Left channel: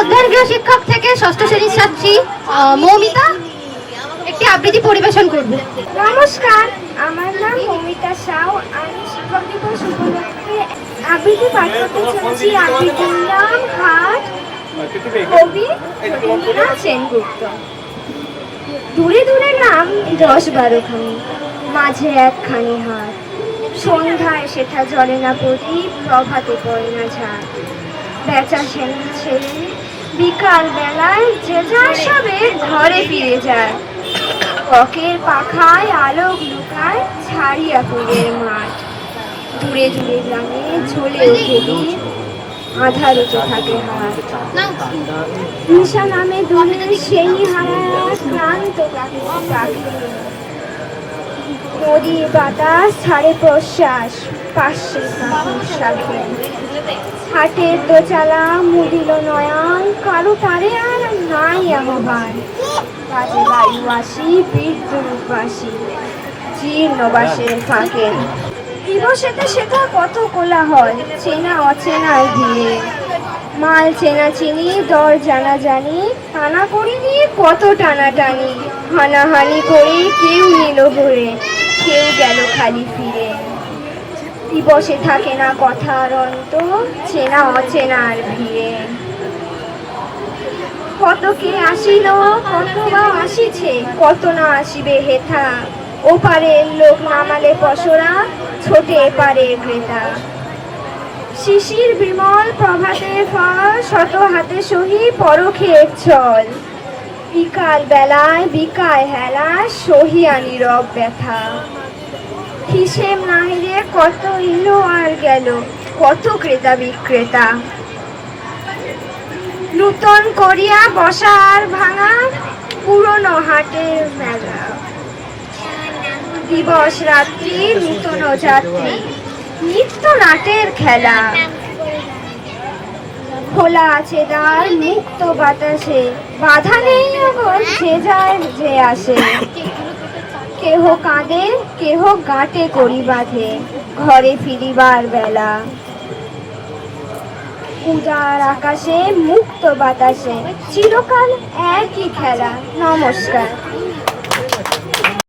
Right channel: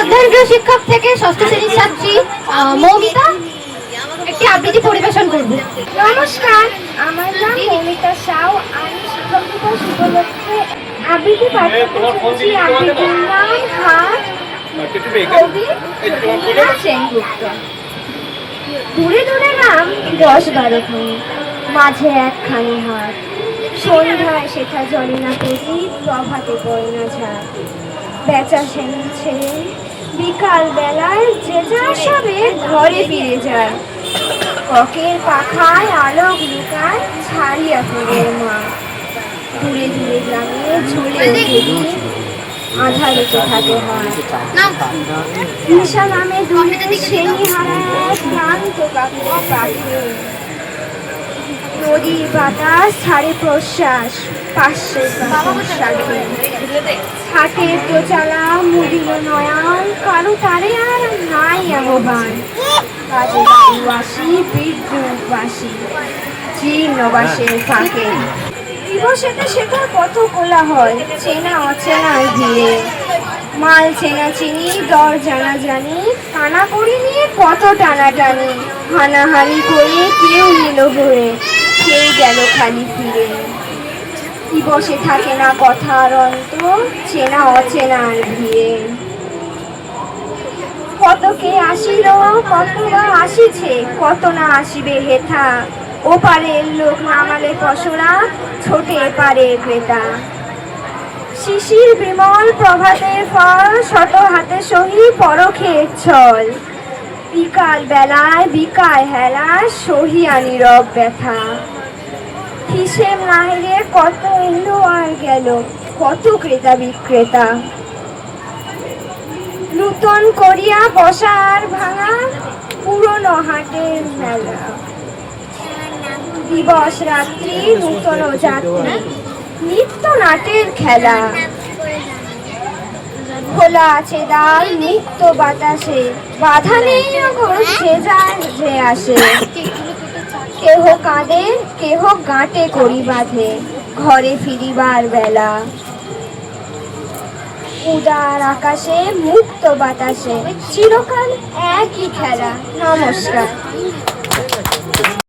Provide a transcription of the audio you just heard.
অধ্যয়ন শিক্ষক থেকে ষষ্ঠ শ্রেণির ছাত্রী মৌমিতা, একটি আবৃত্তি পরিবেশন করবে। নমস্কার, আমার নাম মৌমিতা সাউ। আমি শিক্ষক দিবস উপলক্ষে আবৃত্তি পাঠ করতে চলেছি। আবৃত্তির নাম কবি রবীন্দ্রনাথ সেনগুপ্ত। দূরে দূরে নাম দশ বারো বারোখানি মাঝে একখানি হাট সন্ধ্যায় সেটা জলে না পড়ি, প্রভাতে পড়ে না ঝাড় বেচা সেন ছেলে বিকাল বেলায় যে যার সবে ঘরে ফিরে যায়। ককের পাখায় আলোক লুকায় ছাড়িয়া ফুলের মাঠ দূরে দূরে গ্রামে ঝুলে ওঠে দ্বীপ, আধারেতে থাকে হাট না নিশা নামে দুই সেই হারায় ক্লান্ত কাকুর পাখি। নদীর বাতাস ছাড়ে প্রশ্বাস। পাশে হাটের দোচালা মুদিল নয়ন কারও তারে আর নাই আহ্বান। কাজে বায়ুবাসী, বিদ্যুৎবাসী জীর্ণবাসের ফাঁকে। দিবসেতে সেটা কত কোলাহল, চেনা অচেনার ভিড়ে। মাল চেনা চিনি, দর জানা জানি কানা করি নিয়ে কত টানাটানি। হানাহানি করে কেউ নিল ভরে কেউ গেল খালি ফিরে। দিবসে থাকে না কথার অন্ত? চেনা অচেনার ভিড়ে। কত কে আসিল, কত বা আসিছে, কত না আসিবে হেথা। ওপারের লোক নামালে পশরা, ছোটে পারে ক্রেতা শিশির বিমল প্রভাতে ফল, শত হাতে সহি পরখের ছল। বিকাল বেলায় বিকায় হেলা সহিয়া নীরব ব্যথা। হিসেব নাহিরে কত এলো আর গেল? কত ক্রেতা বিক্রেতা? নূতন করিয়া বসা আর ভাঙা পুরনো হাটের মেলা। দিবস রাত্রি, নূতন যাত্রী, নিত্য নাটের খেলা। খোলা আছে দ্বার মুক্ত বাতাসে। বাধা নেই যে যায় যে আসে। কেহ কাঁদে, কেহ গাঁটে করি বাঁধে, ঘরে ফিরিবার বেলা। উদার আকাশে, মুক্ত বাতাসে, চিরকাল একই খেলা, নমস্কার।